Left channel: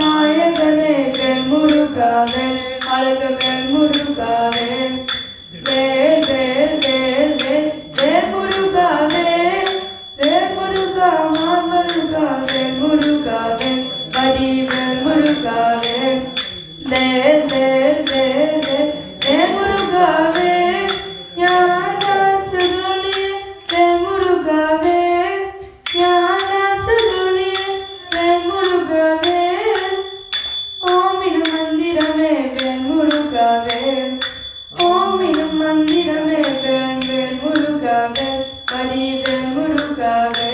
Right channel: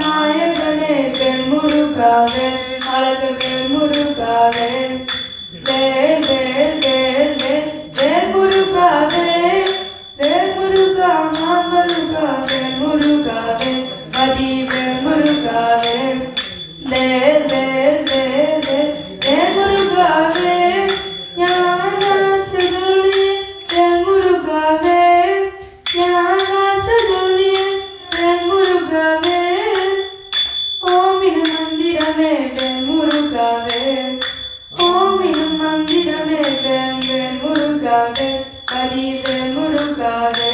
நாயகனே வேல் முருகாவே அழக வேல் முருகாவே வேல் வேல் வேல் வேல் வேல் முருகாவே வேல் முருகா முருகாவே முருகாவே ஹரி வேல் முருகாவே வேல் வேல் வேல் வேல் வேல் முருகாவே ஞான சுடொளி வேல் முருகாவே ஞான சுடொளி வேல் முருகாவே ஓமினும் மந்திரமே வேல் முருகாவே ஓமினும் மந்திரமே வேல் வேல் முருகாவே ஹரி வேல் முருகாவே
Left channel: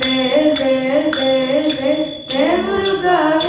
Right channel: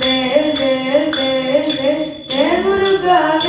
வேல் வேல் வேல் வேல் வேல் முருகாவே